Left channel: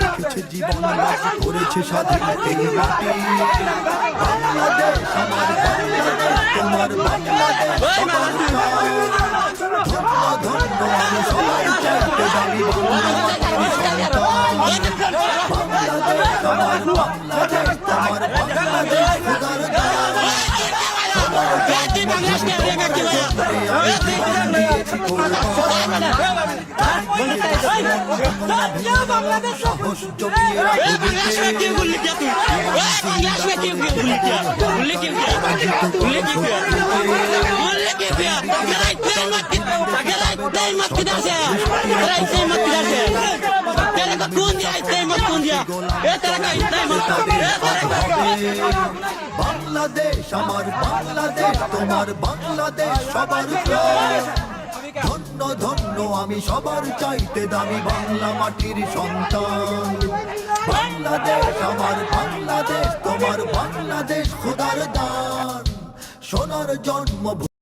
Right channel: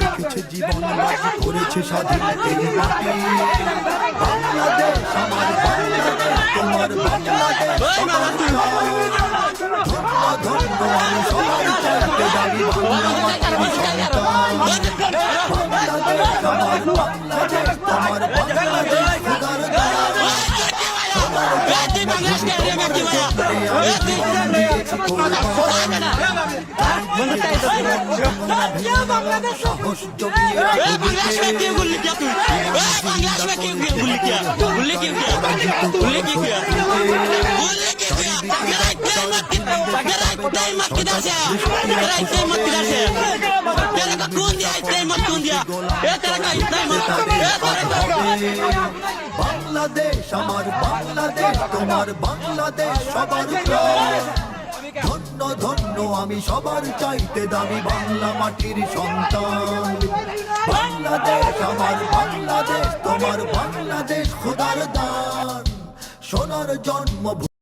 রেখেছে জীবন বাজি করেছে স্বাধীন এই মাটি। বাংলাদেশ আমার বাংলাদেশ, তোমার বাংলাদেশ সবার ধন্য ধন্য আমি সবাই চাইতে দাবি বাংলা মাটির সন্তান। বাংলাদেশ আমার বাংলাদেশ, তোমার বাংলাদেশ খোদার দান। তোমার জন্মভূমি, তোমার জন্মে আমি জীবন দিয়েছি কোরবান। চারিদিকে দুশ্মন ভেঙনা ভেঙনা মন, সাহস জমিয়ে রাখো বুকে। জীবন জিন্দা করে জিহাদের হুঙ্কারে পরাজিত করো শত্রুকে। চারিদিকে গাদ্দার ভিনদেশী তাবেদার, সজাগ দৃষ্টি রাখো সবে। সকল মির্জাফর বিদেশী গোলাম চর রুখতে তাদের আজ হবে। বাংলাদেশ আমার বাংলাদেশ, তোমার বাংলাদেশ সবার প্রাণ। ধন্য ধন্য আমি সবার চাইতে দামি বাংলা মাটির সন্তান। বাংলাদেশ আমার বাংলাদেশ, তোমার বাংলাদেশ খোদার দান। সোনার জন্মভূমি।